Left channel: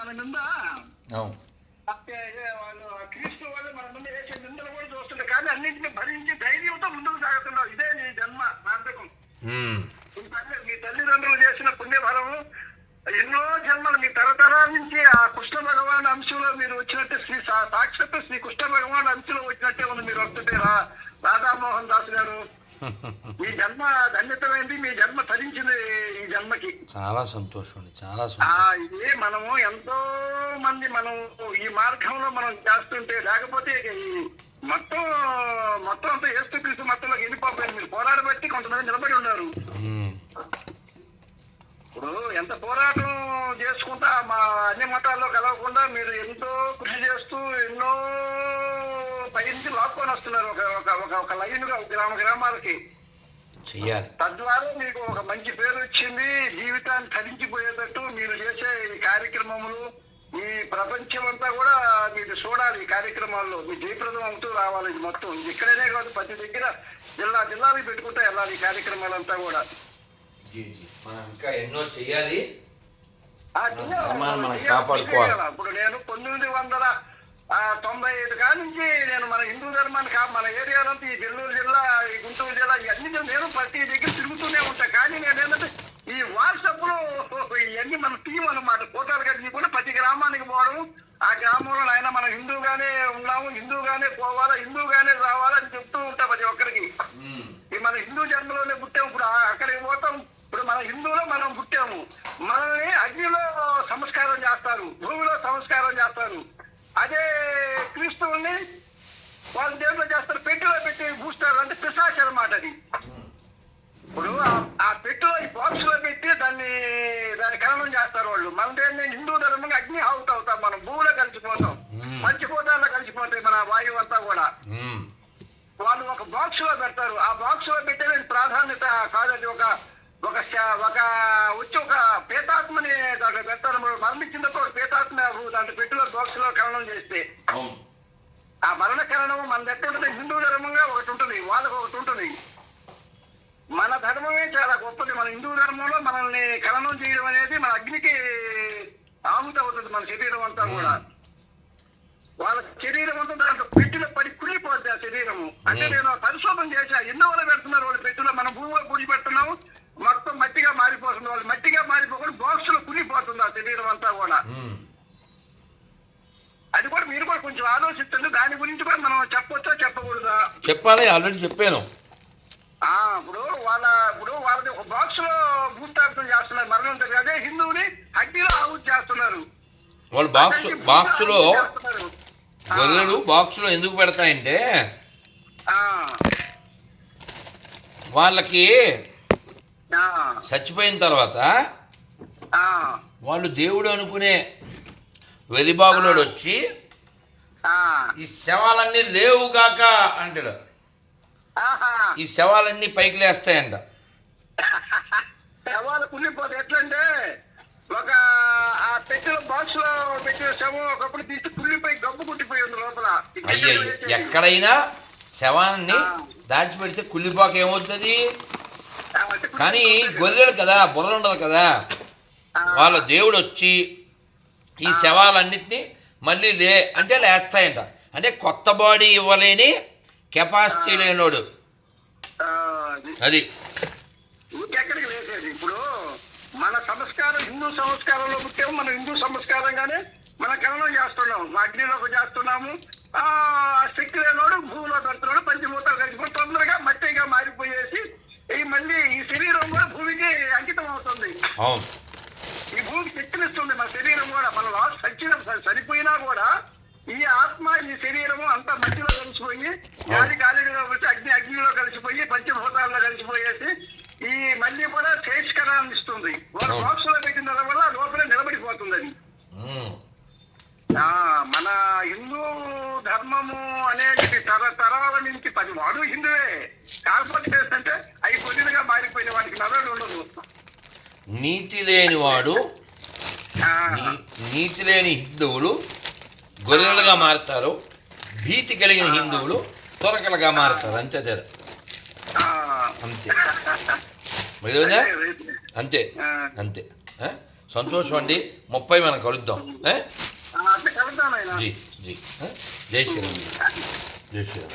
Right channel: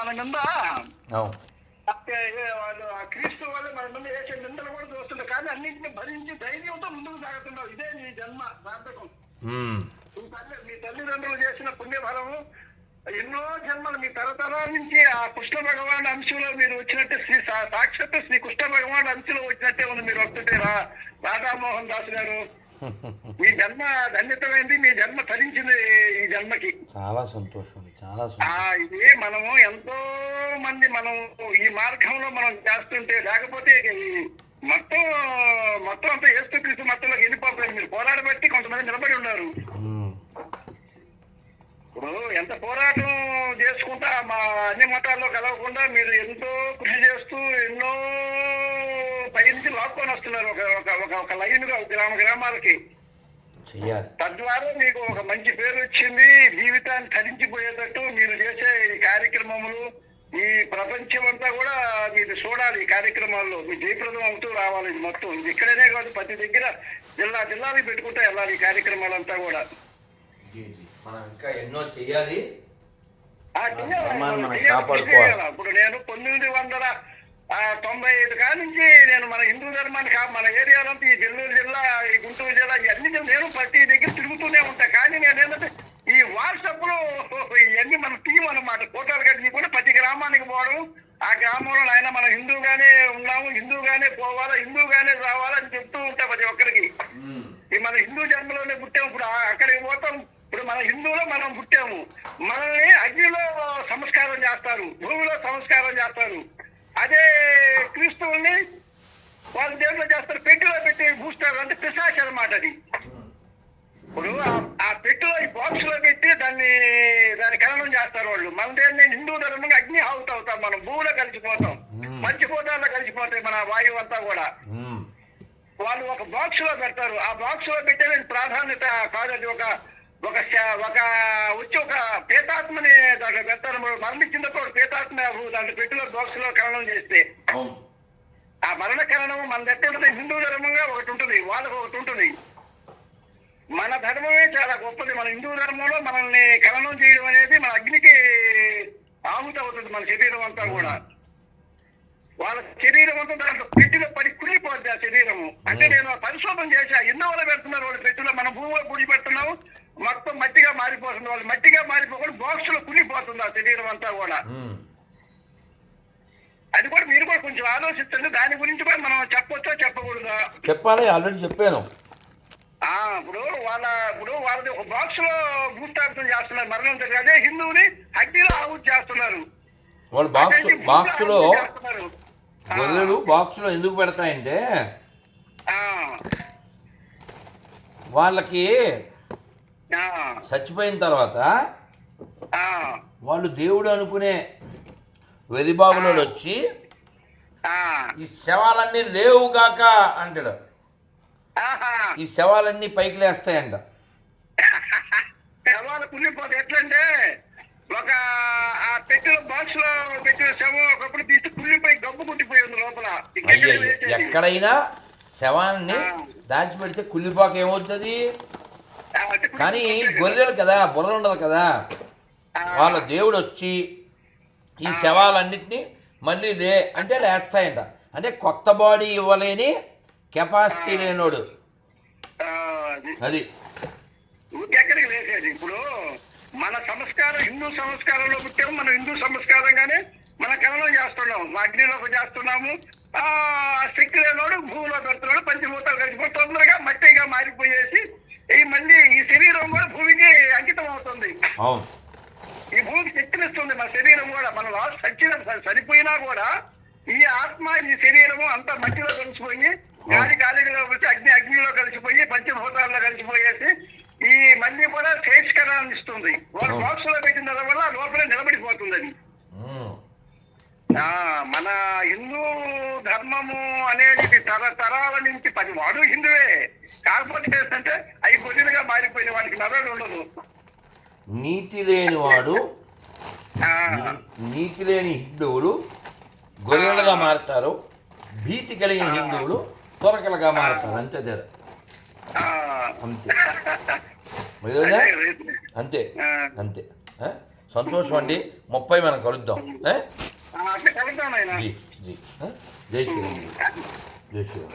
మన నింద అవును అంటే వాళ్ళు ఆ క్రీస్తు వాళ్ళు మన మీద వేసే నిందలు కూడా చూస్తుండే కానీ అన్నింటినీ భరించి ధైర్యంతో ముందుకు సాగుతున్నావు ఇదే నీ జన్మ సార్థకం. మీ తల్లి మీ తల్లిదండ్రులు చేసిన పుణ్యఫలము ఎన్నో జన్మలు మీ తరతరాల నుంచి ఆ కృష్ణ భగవాన్ అంశంలో మీరు వచ్చినట్టే శ్రీ సా- సాక్షాత్తు శ్రీ కృష్ణ భగవాన్ అంశంలో వచ్చినట్టే ఉంది. మీరు వస్తుంటే రా- రాధామోహన్ దాస్ గారు. మీ జన్మ ధన్యతమైంది మీ జన్మ తరించింది ఈ జన్మకి. చాలా సంతోషం అండి చాలా ఇది మనము ఎంతో మంది మనం ఈ మార్గంలో మనం చేస్తుంటే లేకపోతే మొత్తం మొత్తం అంతా ఏస్తూ క్రీస్తు మొత్తంలోకి వెళ్ళిపోతారు. మీరు పోరాడబట్టి కొంతమంది నిలబడి ఉన్నారు. ఇప్పుడు ఎంత పోరాటం చేసుకుంటా మా అన్ని మతాల్లో కలవకుండా మీరు ఎంతో కృషి చేస్తూ ఎన్నో పై నుంచి లాక్కొని వస్తున్నారు ఒక ఒక ఒక లైన్గా గ్రామ గ్రామాలకి. తద్వారా మీకు ఒక మంచి పేరు వచ్చింది జీవితాన్ని తరించిపోయేటట్టు మీరు చేసే ఈ కార్యక్రమములు ఈ ప్రపంచం అంతా కూడా మీరు చూడాలి ఈ కార్యక్రమాల్లో. మీ జయప్రదం అవుతూ రావాలి ఇది మొత్తం. ఇది ఇక్కడనే కాదు ప్రతి దగ్గర జిల్లా జిల్లాలకు పెట్టుకుంటూ వెళ్ళాలి ఈ కార్యక్రమాలంతా కూడా. మనం ఇంకా ఎన్నో చెయ్యాలి. ఇప్పుడు నేను పంతొమ్మిది వందల తొంభై ఐదు కాడ నుంచి నేను మన హిందూ ధర్మాన్ని కా మన ఏరియాలంతా ఈ నెల్లూరు జిల్లా ఈ గుంటూరు జిల్లా ఇవన్నీ నేను ప్రతి దగ్గర తిరుగుతూనే ఉంటా. కానీ నేను ఏంటంటే ఈ వాట్సాప్లో ఇవన్నీ మన టీం అన్నమాట. ఫోటోలు కట్టి కూడా ప్రతి గ్రామానికి పోవడం. ఆ గ్రామంలో ఆయన మన హిందూగానే ఉన్నాము హిందూగానే పోవాలా హిందూగానే రావాలా అని చెప్తూ ఉంటా ప్రతి ఒక్కరికి. ఈ మన హిందూ జన్మలోనే పుట్టాము. ఇప్పుడు అక్కడికి పోతాం. ఇప్పుడు మన హిందువులో మనం పుట్టాము. మనల్ని అగ్నిలో సంస్కారం చేస్తారు. భూమిలో సంస్కారం చేస్తారు. అదే క్రీస్తువుల్ని వాళ్ళు దేంట్లో చేస్తారు పెట్టిలో పెట్టి పూస్తారు అంటే పిశాచ అన్నమాట అది. ఇప్పుడు ఆ- పెట్టిలో ఈ బాక్స్లో పెట్టి దాన్ని దాన్ని ఖననం చేస్తారు వాళ్ళు. మన దేన్ని హిందూ ధర్మంగా అగ్ని ఆవుట్ అవుతాం మనం భూమిలో కలిసిపోతాం. పంచభూతాల్లో కలిసిపోతాయి మన వాయువు అంతా కూడా. వాళ్ళు ఒక బాక్స్లో పెడతారు. ఆ బాక్స్లో పెట్టేది ప్రాధాన్యత కాదు అది ఒక ఒక ఒక వచ్చి ఒక పేతాత్మని దాంట్లో పెడతారు. మరి మరణించినప్పుడు ఒక పేతాత్మ దాంట్లో పెట్టిన బాక్స్లో ఖననం చేస్తే. ఆ మరణ ఖననం మన దగ్గర హిందూ ధర్మంగా ఒకటి ఉంటుంది. వాళ్ళకి ఒకటి ఉంటుంది. మన ధర్మమే చాలా గొప్పది. మన హిందూ ధర్మంలో మనల్ని ఖననం చేయడం అనేది మన అగ్నికి ఆహుతి అవుతుంది మన శరీరం అంతా కూడా. వాళ్ళ శరీరం అంతా దాంట్లో అంటే నేను పరిశోధన చేశా ఎన్నో వాళ్ళు పెడుతున్నారు వాళ్ళు పెట్టిలో. మన భూమిలో గుడి పెడుతున్నాము మొత్తం మట్టిగా మారిపోతుంది. వాళ్ళు మట్టిగా మారిపోకుండా బాక్స్లో కుళ్ళిపోతుంది ఆ శరీరం అంతా కూడా. అది కూడా మీరు కూడా కొంచెం ఆలోచించండి దాని గురించి కూడా మనం చెప్పొచ్చా చెప్పకూడదా? చెప్పాలి ఆల్రెడీ చెప్పాను. ఆ ఇప్పుడు వాళ్ళ ఇప్పుడు వాళ్ళది ఒక బాక్స్లో భూస్థాపితం చేస్తున్నారు మరణం అదే హిందువుని అగ్నిలో ఆహుతి చేస్తున్నారు. వాళ్ళు బాక్స్ చేస్తున్నారు. ఆ, గొర్రెలు బాక్స్లో ఎందుకు పెడతాయంటే వాళ్ళకి ఆ, చచ్చిపోయిన తర్వాత ఆ, వాళ్ళు దేవుడు అనుకునే వెలిబాగులోడు వచ్చి ఆ. ఈ శవాలన్నీ లేవుగాక అంటాడు. ఆహా. ఈ శవాలన్నీ పైకి లేస్తాయంట. శవాలు కుళ్ళిపోతే ఎట్లంటే ఒక ఆ పెట్టిన బాక్స్లో పెట్టిన శవం ఒకప్పుడు తీసి కుళ్ళిపోయి గబ్బు కుట్టిపోయి ఉంది లోపల. ఎక్కడైనా శవాన్ని. దాచిపెడితే కుళ్ళిపోక ఏమవుతుంది కానీ. గొర్రెలు కదా బుర్ర ఉండదు కదా. వాళ్ళ దేవుడు వచ్చి ఈ శవాలన్నిటినీ మళ్ళీ లే అంటే లేస్తాయంట అంటే కొత్త బాడీ ఇవ్వలేని కెపాసిటీ లేనోడు అది. ఇప్పుడు మన సంస్కారం హిందూ సంస్కారంలో పుట్టాము మన హిందూ సంస్కారంగానే మన కలనం చేస్తున్నాము మా అగ్నిలోకి చేస్తున్నాము. ఆ శక్తి లేనోడు భూమిలో పెడుతున్నాడు పంచభూతాలు కలిసిపోయి తొందరగా మట్టిగా మారిపోయేసి ఈ మళ్ళీ ఈ శరీరం కూడా భూమికి అంకితం అవుతుంది. ఈ భూమికి శక్తినిస్తుంది మన శరీరం కూడా. మన లాస్ట్ సచ్చిన చనిపోయినా కూడా ఈ ఆత్మ ఈ శరీరము అంతా మట్టిలో కలిసిపోయి గాలి గాలిలో వచ్చి అగ్ని అగ్నిలో కలిసిపోయి పంచభూతాల్లో కలిసిపోయేసి ఈ మళ్ళీ కూడా శేషకరాన్ని ఇస్తుంది. వాళ్ళు అవును. బాక్స్లో పెట్టిన వల్ల లోపల నిలబడిపోతుంది అది మన హిందూ ధర్మము అనేది తరతరాల నుంచి పది వాడు హిందువే. కాకపోతే ఏంటంటే అవి కొద్దిగా మారిపోయిన వాడికి నవ్వేది ఉండదు. నీతి లేనివాడు నీతి లేని హిందువులు గొర్రెలుగా మారుతారు భీతి కలిగిన హిందువులు తొరకలుగా మారుతారు. అంతే తేడా. అంతే? అంతే. అంతే? సంతోషం అండి. ముప్పై మనం కలుద్దాం. ఏ? అట్లా కలుద్దాం ఆయన జీ జీ. ఏ? జై శ్రీరామ్. జై శ్రీరామ్.